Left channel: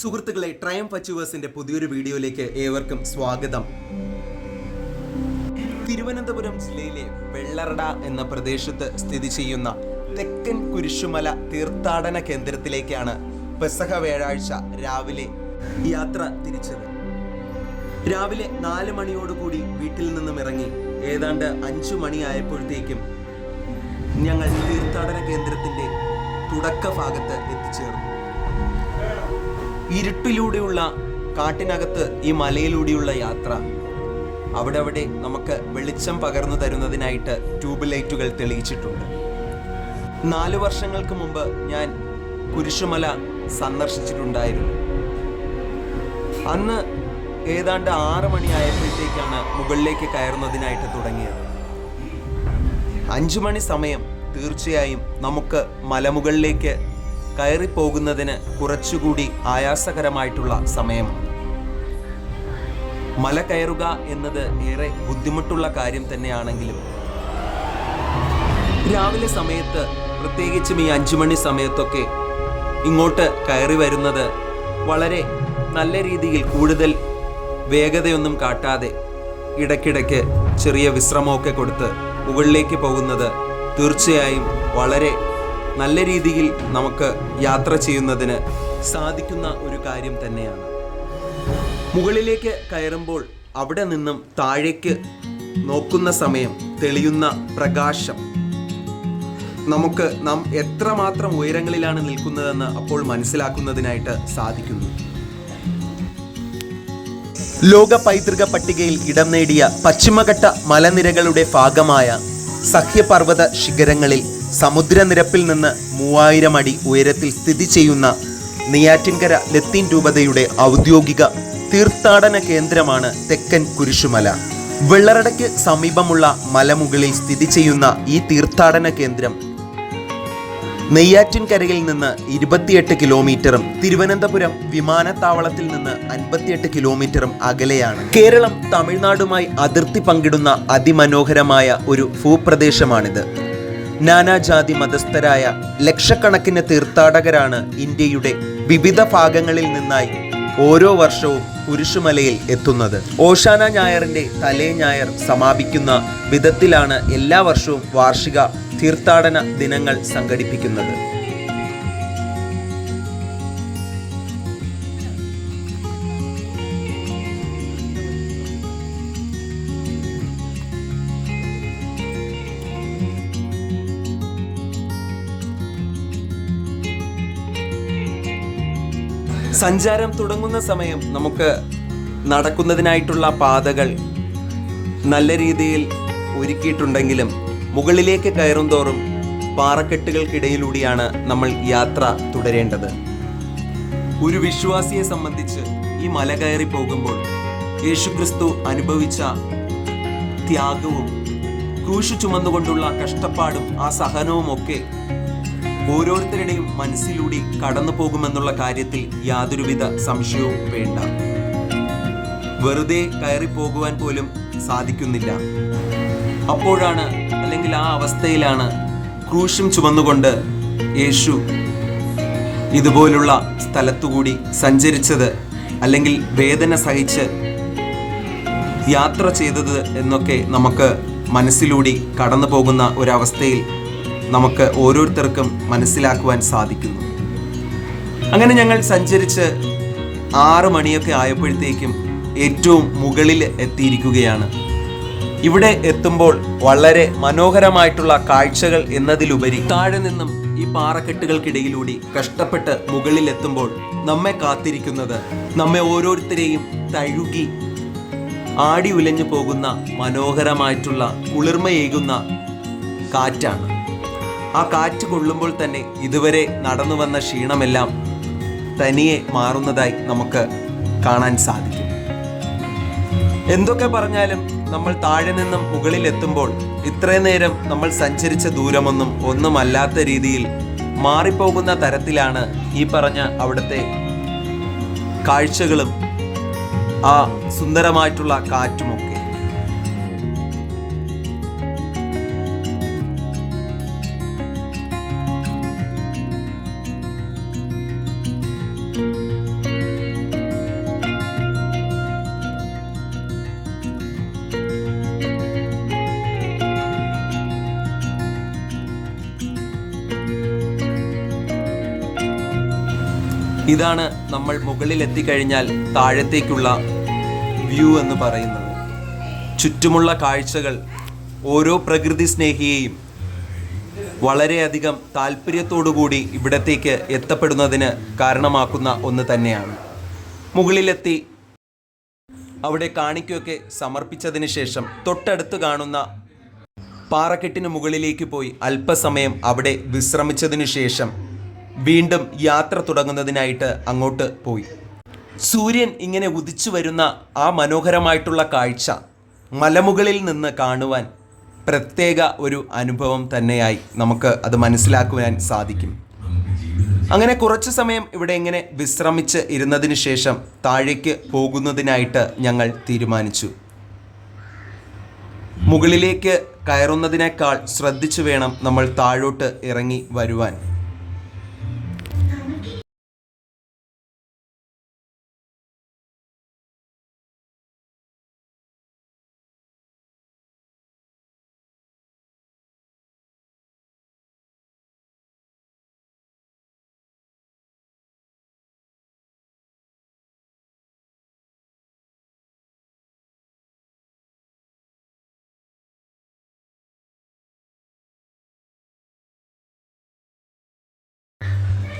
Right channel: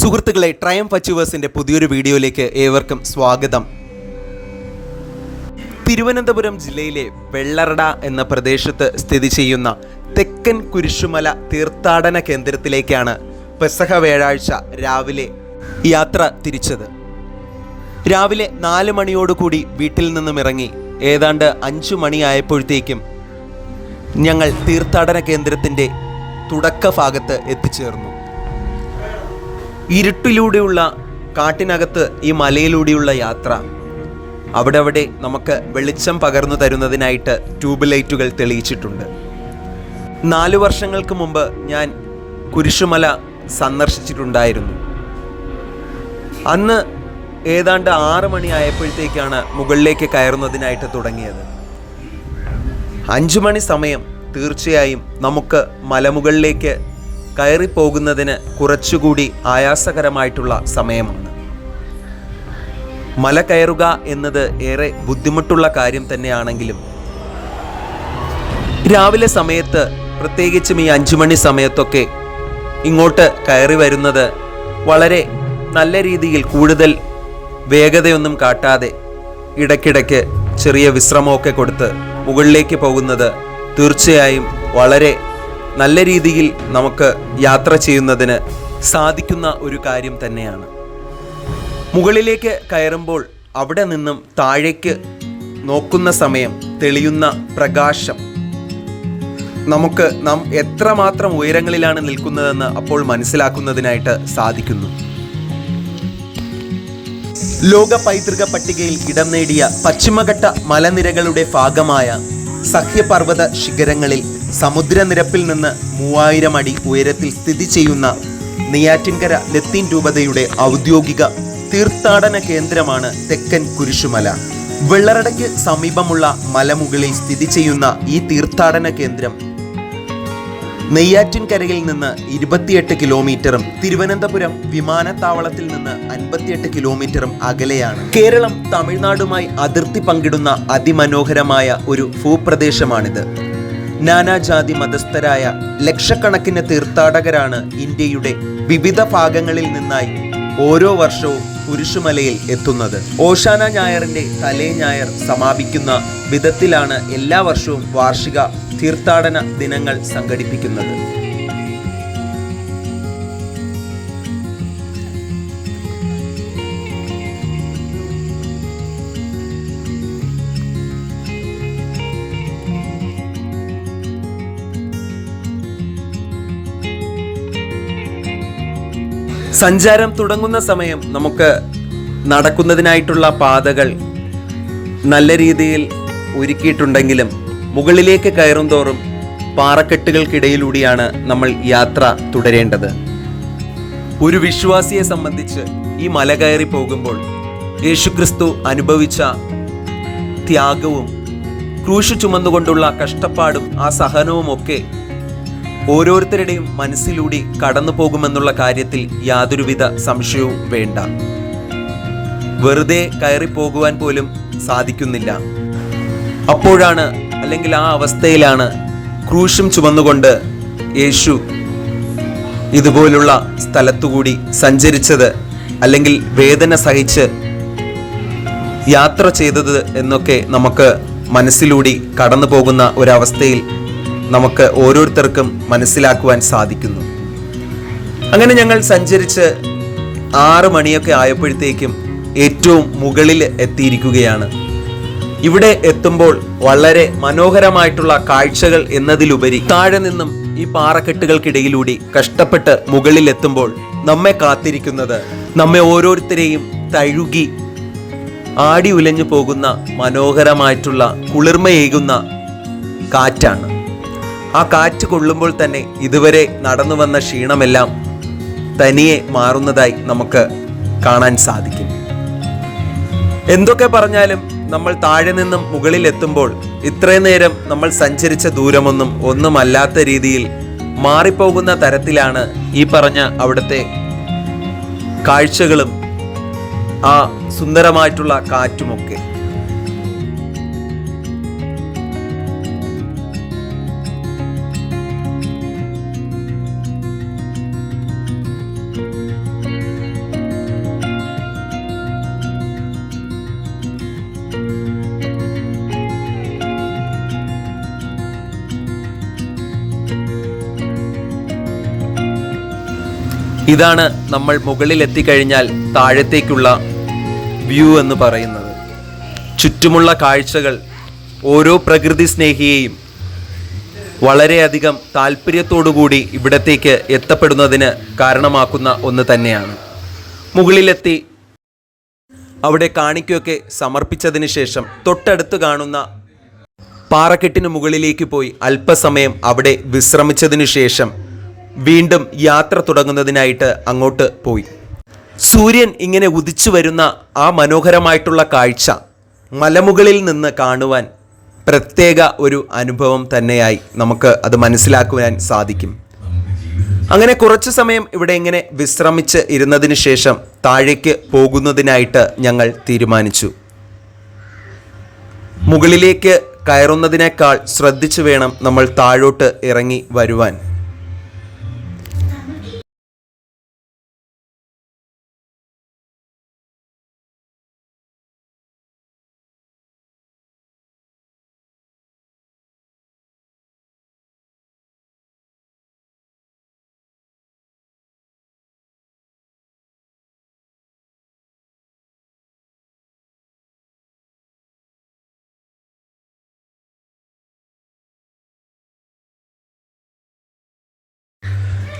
സുഹൃത്തുക്കളെ, ട്രയംഫ് അച്ചീവേഴ്സിന്റെ പുതിയൊരു വീഡിയോയിലേക്ക് ഏവർക്കും സ്വാഗതം. തിരുവനന്തപുരം ജില്ലയിലെ വെള്ളറട എന്ന പ്രദേശത്ത് സ്ഥിതി ചെയ്യുന്ന തെക്കൻ കുരിശുമല തീർത്ഥാടന കേന്ദ്രത്തിലേക്കാണ് പെസഹ വ്യാഴാഴ്ച രാവിലെ യാത്ര തിരിച്ചത്. രാവിലെ 4 മണിയോടുകൂടി വീട്ടിൽ നിന്നും ഇറങ്ങി ഏതാണ്ട് 5 മണിയായപ്പോഴത്തേക്കും ഞങ്ങൾ തീർത്ഥാടന കേന്ദ്രത്തിൻ്റെ തുടക്ക ഭാഗത്ത് എത്തിച്ചേർന്നു. ഇരുട്ടിലൂടെയുള്ള കാട്ടിനകത്ത് ഈ മലയിലൂടെയുള്ള യാത്ര, അവിടെ നമുക്ക് വെളിച്ചം പകർന്നു തരുന്നതിനായിട്ട് ട്യൂബ് ലൈറ്റുകൾ തെളിയിച്ചിട്ടുണ്ട്. 4 വർഷങ്ങൾക്ക് മുമ്പ് ഞാൻ കുരിശുമല സന്ദർശിച്ചിട്ടുണ്ടായിരുന്നു. അന്ന് ഏതാണ്ട് 6 മണിയായപ്പോഴത്തേക്കാണ് മുകളിലേക്ക് കയറുന്നതിനായിട്ട് തുടങ്ങിയത്. 5 മണി സമയം തീർച്ചയായും നമുക്ക് മലമുകളിലേക്ക് കയറിപ്പോകുന്നതിന് കുറച്ചുകൂടി ആയാസകരമായിട്ടുള്ള സമയമാണ്. മല കയറുക എന്നത് ഏറെ ബുദ്ധിമുട്ടുള്ള കാര്യം തന്നെയാണെങ്കിലും രാവിലെ സമയത്ത്, പ്രത്യേകിച്ചും ഈ 5 മണി സമയത്തൊക്കെ ഇങ്ങോട്ട് കയറി വരുന്നത് വളരെ നല്ല രീതിയിൽ, കൂടുതൽ വേഗതയൊന്നും കാട്ടാതെ ഇടയ്ക്കിടയ്ക്ക് ചെറിയ വിശ്രമമൊക്കെ കൊടുത്ത് മുകളിലേക്ക് പോകുന്നത് തീർച്ചയായും വളരെ നല്ല രീതിയിൽ നമുക്ക് യാത്ര ചെയ്യുന്നതിന് സാധിക്കുന്ന ഒരു കാര്യം തന്നെയാണ്. മുകളിലേക്ക് കയറുമ്പോൾ അവിടെ നിന്നും താഴേക്ക് നോക്കുന്ന സമയം തെളിയുന്ന പ്രകാശം നമുക്ക് നാം എത്രമാത്രം ഉയരങ്ങളിലാണ് നിൽക്കുന്നതെന്ന് അപ്പോൾ മനസ്സിലാക്കുന്നതിനായിട്ട് സാധിക്കുന്നു. ലോക പൈതൃക പട്ടികയിൽ ഇടം നേടിയ പശ്ചിമഘട്ട മലനിരകളുടെ ഭാഗമായ സഹ്യപർവ്വത ശിഖരങ്ങളിൽ സമുദ്രനിരപ്പിൽ നിന്ന് 3000 അടി ഉയരത്തിൽ സ്ഥിതി ചെയ്യുന്ന നെയ്യാറ്റിൻകര ലത്തീൻ രൂപതയുടെ ഔദ്യോഗിക തീർത്ഥാടന കേന്ദ്രമാണ് തെക്കൻ കുരിശുമല. വെള്ളറടയ്ക്ക് സമീപമുള്ള മലമുകളിൽ സ്ഥിതി ചെയ്യുന്ന ഈ തീർത്ഥാടന കേന്ദ്രം നെയ്യാറ്റിൻകരയിൽ നിന്ന് 28 കിലോമീറ്ററും തിരുവനന്തപുരം വിമാനത്താവളത്തിൽ നിന്ന് 58 കിലോമീറ്ററും അകലെയാണ്. കേരളം തമിഴ്നാടുമായി അതിർത്തി പങ്കിടുന്ന അതിമനോഹരമായ ഒരു ഭൂപ്രദേശമാണിത്. നാനാജാതി മതസ്ഥരായ ലക്ഷക്കണക്കിന് തീർത്ഥാടകരാണ് ഇന്ത്യയുടെ വിവിധ ഭാഗങ്ങളിൽ നിന്നായി ഓരോ വർഷവും കുരിശുമലയിൽ എത്തുന്നത്. ഓശാന ഞായറിന്റെ തലേ ഞായർ സമാപിക്കുന്ന വിധത്തിലാണ് എല്ലാ വർഷവും വാർഷിക തീർത്ഥാടന ദിനങ്ങൾ സംഘടിപ്പിക്കുന്നത്. സഞ്ചാരം തുടങ്ങുന്ന സമയം നമുക്ക് നടക്കുന്നതിനായിട്ടുള്ള പാതകൾ നല്ല രീതിയിൽ ഒരുക്കിയിട്ടുണ്ടെങ്കിലും മുകളിലേക്ക് കയറും തോറും പാറക്കെട്ടുകൾക്കിടയിലൂടെയാണ് നമ്മൾ യാത്ര തുടരേണ്ടത്. ഒരു വിശ്വാസിയെ സംബന്ധിച്ച് ഈ മല കയറി പോകുമ്പോൾ യേശുക്രിസ്തു അനുഭവിച്ച ത്യാഗവും ക്രൂശ് ചുമന്നുകൊണ്ടുള്ള കഷ്ടപ്പാടും ആ സഹനവും ഒക്കെ ഓരോരുത്തരുടെയും മനസ്സിലൂടെ കടന്നു പോകുമെന്നുള്ള കാര്യത്തിൽ യാതൊരുവിധ സംശയവും വേണ്ട. വെറുതെ കയറി പോകുവാൻ പോലും സാധിക്കുന്നില്ല. അപ്പോഴാണ്, അല്ലെങ്കിൽ ആ അവസ്ഥയിലാണ് ക്രൂശും ചുമന്നുകൊണ്ട് യേശു ഇതുപോലുള്ള സ്ഥലത്തുകൂടി സഞ്ചരിച്ചത്, അല്ലെങ്കിൽ വേദന സഹിച്ച് യാത്ര ചെയ്തത് എന്നൊക്കെ നമുക്ക് മനസ്സിലൂടെ കടന്നു പോകുന്ന ഒരവസ്ഥയിൽ നമുക്ക് ഓരോരുത്തർക്കും മനസ്സിലാക്കുവാൻ സാധിക്കുന്നു. അങ്ങനെ ഞങ്ങൾ സഞ്ചരിച്ച് 6 മണിയൊക്കെ ആയപ്പോഴത്തേക്കും ഏറ്റവും മുകളിൽ എത്തിയിരിക്കുകയാണ്. ഇവിടെ എത്തുമ്പോൾ വളരെ മനോഹരമായിട്ടുള്ള കാഴ്ചകൾ എന്നതിലുപരി താഴെ നിന്നും ഈ പാറക്കെട്ടുകൾക്കിടയിലൂടെ കഷ്ടപ്പെട്ട് മുകളിൽ എത്തുമ്പോൾ നമ്മെ കാത്തിരിക്കുന്നത്, നമ്മെ ഓരോരുത്തരെയും തഴുകി ആടി ഉലഞ്ഞു പോകുന്ന മനോഹരമായിട്ടുള്ള കുളിർമയേകുന്ന കാറ്റാണ്. ആ കാറ്റ് കൊള്ളുമ്പോൾ തന്നെ ഇതുവരെ നടന്നു വന്ന ക്ഷീണമെല്ലാം തനിയെ മാറുന്നതായി നമുക്ക് കാണാൻ സാധിക്കും. എന്തൊക്കെ പറഞ്ഞാലും നമ്മൾ താഴെ നിന്നും മുകളിൽ എത്തുമ്പോൾ ഇത്രയും നേരം നമ്മൾ സഞ്ചരിച്ച ദൂരമൊന്നും ഒന്നുമല്ലാത്ത രീതിയിൽ മാറിപ്പോകുന്ന തരത്തിലാണ് ഈ പറഞ്ഞ അവിടുത്തെ കാഴ്ചകളും ആ സുന്ദരമായിട്ടുള്ള കാറ്റുമൊക്കെ. ഇതാണ് നമ്മൾ മുകളിൽ എത്തിക്കഴിഞ്ഞാൽ താഴത്തേക്കുള്ള വ്യൂ എന്ന് പറയുന്നത്. ചുറ്റുമുള്ള കാഴ്ചകൾ ഓരോ പ്രകൃതി സ്നേഹിയെയും വളരെയധികം താല്പര്യത്തോടുകൂടി ഇവിടത്തേക്ക് എത്തപ്പെടുന്നതിന് കാരണമാക്കുന്ന ഒന്ന് തന്നെയാണ്. മുകളിലെത്തി അവിടെ കാണിക്കയൊക്കെ സമർപ്പിച്ചതിന് ശേഷം തൊട്ടടുത്ത് കാണുന്ന പാറക്കെട്ടിന് മുകളിലേക്ക് പോയി അല്പസമയം അവിടെ വിശ്രമിച്ചതിനു ശേഷം വീണ്ടും യാത്ര തുടങ്ങുന്നതിനായിട്ട് അങ്ങോട്ട് പോയി. സൂര്യൻ ഇങ്ങനെ ഉദിച്ചു വരുന്ന ആ മനോഹരമായിട്ടുള്ള കാഴ്ച മലമുകളിൽ നിന്ന് കാണുവാൻ പ്രത്യേക ഒരു അനുഭവം തന്നെയായി നമുക്ക് അത് മനസ്സിലാക്കുവാൻ സാധിക്കും. അങ്ങനെ കുറച്ചു സമയം ഇവിടെ ഇങ്ങനെ വിശ്രമിച്ച് ഇരുന്നതിന് ശേഷം താഴേക്ക് പോകുന്നതിനായിട്ട് ഞങ്ങൾ തീരുമാനിച്ചു. മുകളിലേക്ക് കയറുന്നതിനേക്കാൾ ശ്രദ്ധിച്ചു വേണം നമ്മൾ താഴോട്ട് ഇറങ്ങി വരുവാൻ.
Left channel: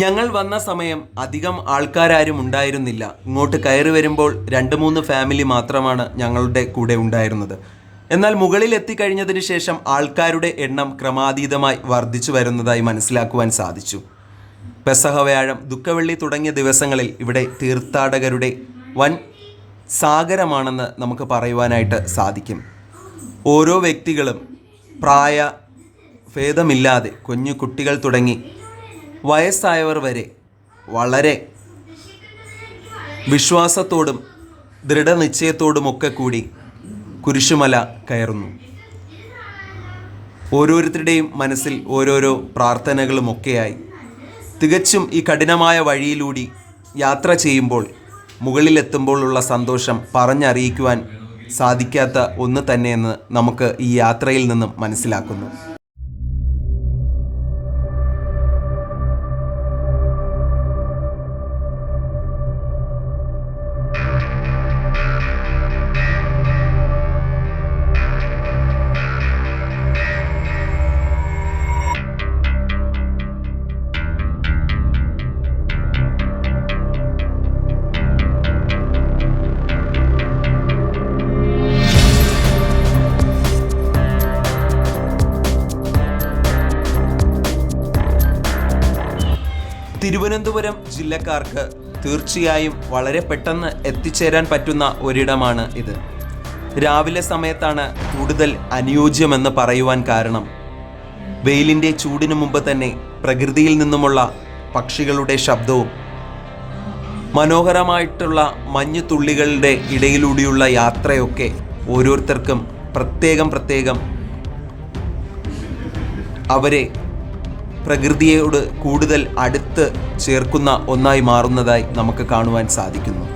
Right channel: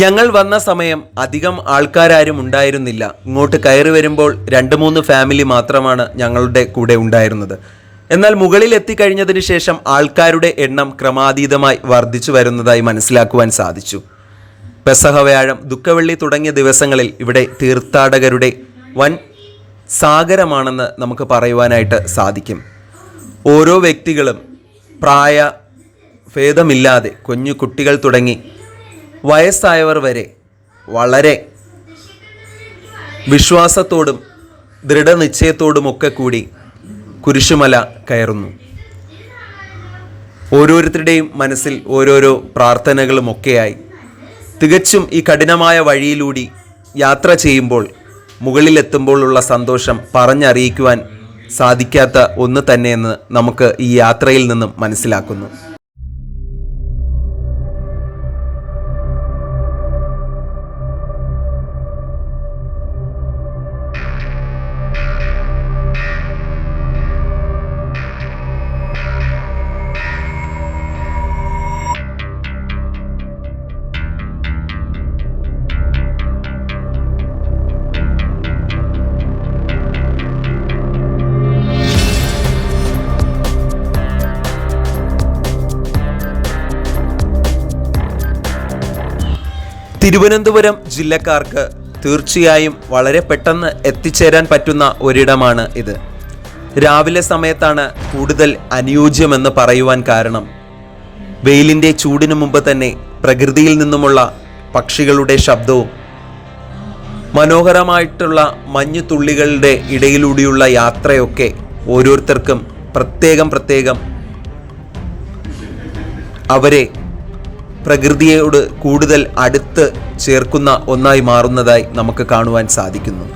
ഞങ്ങൾ വന്ന സമയം അധികം ആൾക്കാരും ഉണ്ടായിരുന്നില്ല. ഇങ്ങോട്ട് കയറി വരുമ്പോൾ 2-3 ഫാമിലി മാത്രമാണ് ഞങ്ങളുടെ കൂടെ ഉണ്ടായിരുന്നത്. എന്നാൽ മുകളിൽ എത്തിക്കഴിഞ്ഞതിന് ശേഷം ആൾക്കാരുടെ എണ്ണം ക്രമാതീതമായി വർദ്ധിച്ചു വരുന്നതായി മനസ്സിലാക്കുവാൻ സാധിച്ചു. പെസഹ വ്യാഴം, ദുഃഖവെള്ളി തുടങ്ങിയ ദിവസങ്ങളിൽ ഇവിടെ തീർത്ഥാടകരുടെ വൻ സാഗരമാണെന്ന് നമുക്ക് പറയുവാനായിട്ട് സാധിക്കും. ഓരോ വ്യക്തികളും പ്രായ ഭേദമില്ലാതെ കുഞ്ഞു കുട്ടികൾ തുടങ്ങി വയസ്സായവർ വരെ വളരെ വിശ്വാസത്തോടും ദൃഢനിശ്ചയത്തോടുമൊക്കെ കൂടി കുരിശുമല കയറുന്നു. ഓരോരുത്തരുടെയും മനസ്സിൽ ഓരോരോ പ്രാർത്ഥനകളുമൊക്കെയായി തികച്ചും ഈ കഠിനമായ വഴിയിലൂടെ യാത്ര ചെയ്യുമ്പോൾ മുകളിലെത്തുമ്പോഴുള്ള സന്തോഷം പറഞ്ഞറിയിക്കുവാൻ സാധിക്കാത്ത ഒന്ന് തന്നെയെന്ന് നമുക്ക് ഈ യാത്രയിൽ നിന്നും മനസ്സിലാക്കുന്നു. തിരുവനന്തപുരം ജില്ലക്കാർക്ക് തീർച്ചയായും വളരെ പെട്ടെന്ന് എത്തിച്ചേരാൻ പറ്റുന്ന ഒരിടമാണ് ഇത്. രാവിലെ സമയത്താണ് കൂടുതൽ അനുയോജ്യമെന്ന് പറയുവാൻ കാരണം വെയിലിൻ്റെ ചൂടിനു മുമ്പ് തന്നെ പ്രകൃതിയിൽ നിന്നുമുള്ള പക്ഷികളുടെ ശബ്ദവും മനോഹരമായിട്ടുള്ള മഞ്ഞുതുള്ളികളുടെ ഇടയിലൂടെയുള്ള യാത്രയൊക്കെ ഓരോരുത്തർക്കും പ്രത്യേകം അവരെ പ്രകൃതിയോട് കൂടുതൽ അടുത്ത് ചേർക്കുന്ന ഒന്നായി മാറുന്നതായി നമുക്ക് കാണുവാൻ സാധിക്കുന്നു.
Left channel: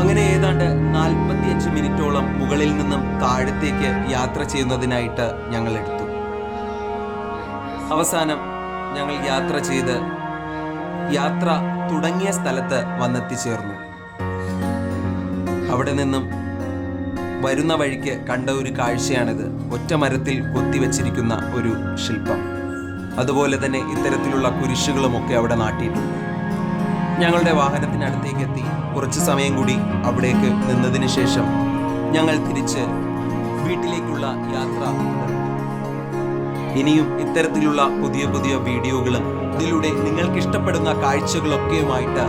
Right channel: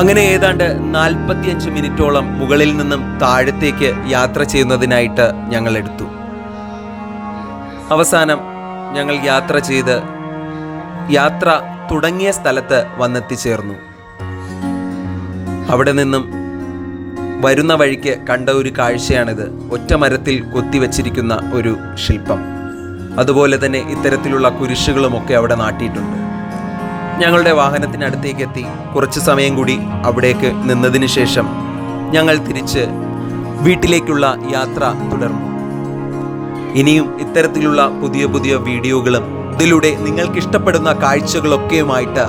അങ്ങനെ ഏതാണ്ട് 45 മിനിറ്റോളം മുകളിൽ നിന്നും താഴത്തേക്ക് യാത്ര ചെയ്യുന്നതിനായിട്ട് ഞങ്ങൾ എടുത്തു. അവസാനം ഞങ്ങൾ യാത്ര തുടങ്ങിയ സ്ഥലത്ത് വന്നെത്തിച്ചേർന്നു. അവിടെ നിന്നും വരുന്ന വഴിക്ക് കണ്ട ഒരു കാഴ്ചയാണിത്. ഒറ്റ മരത്തിൽ കൊത്തിവെച്ചിരിക്കുന്ന ഒരു ശില്പം. അതുപോലെ തന്നെ ഇത്തരത്തിലുള്ള കുരിശുകളുമൊക്കെ അവിടെ നാട്ടിയിട്ടുണ്ട്. ഞങ്ങളുടെ വാഹനത്തിനടുത്തേക്ക് എത്തി കുറച്ച് സമയം കൂടി അവിടേക്ക് നിന്നതിന് ശേഷം ഞങ്ങൾ തിരിച്ച് വീട്ടിലേക്കുള്ള യാത്ര തുടർന്നു. ഇനിയും ഇത്തരത്തിലുള്ള പുതിയ പുതിയ വീഡിയോകളും ഇതിലൂടെ നിങ്ങൾക്ക് ഇഷ്ടപ്പെടുന്ന കാഴ്ചകളൊക്കെയുമായിട്ട്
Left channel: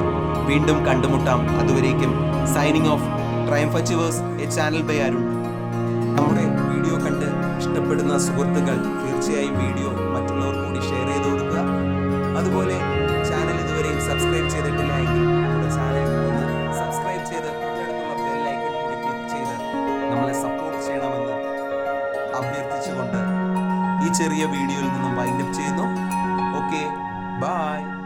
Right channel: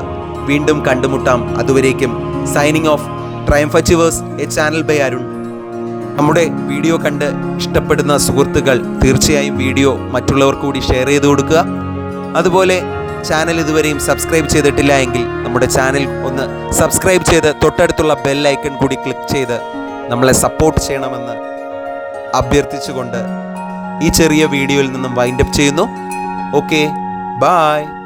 വീണ്ടും കണ്ടുമുട്ടാം. അതുവരേക്കും signing off. Triumph achievers, A channel by Arun. നമ്മുടെ വീഡിയോ കണ്ട് ഇഷ്ടപ്പെടുന്ന സുഹൃത്തുക്കൾ തീർച്ചയായും വീഡിയോ മറ്റുള്ളവർക്ക് കൂടി ഷെയർ ചെയ്ത് കൊടുക്കുക. അതുപോലെ ചാനൽ ഇതുവരെയും സബ്സ്ക്രൈബ് ചെയ്തിട്ടില്ല എങ്കിൽ നമ്മുടെ ചാനൽ ഒന്ന് സബ്സ്ക്രൈബ് ചെയ്ത് തൊട്ടടുത്തുള്ള ബെൽ ഐക്കൺ കൂടി ക്ലിക്ക് ചെയ്ത് നമ്മളെ സപ്പോർട്ട് ചെയ്യണമെന്ന് അഭ്യർത്ഥിച്ചുകൊണ്ട് ഈ ചെറിയ വീഡിയോയിൽ നിന്നും വൈൻഡപ്പ് ചെയ്യുന്നു. Okay, by.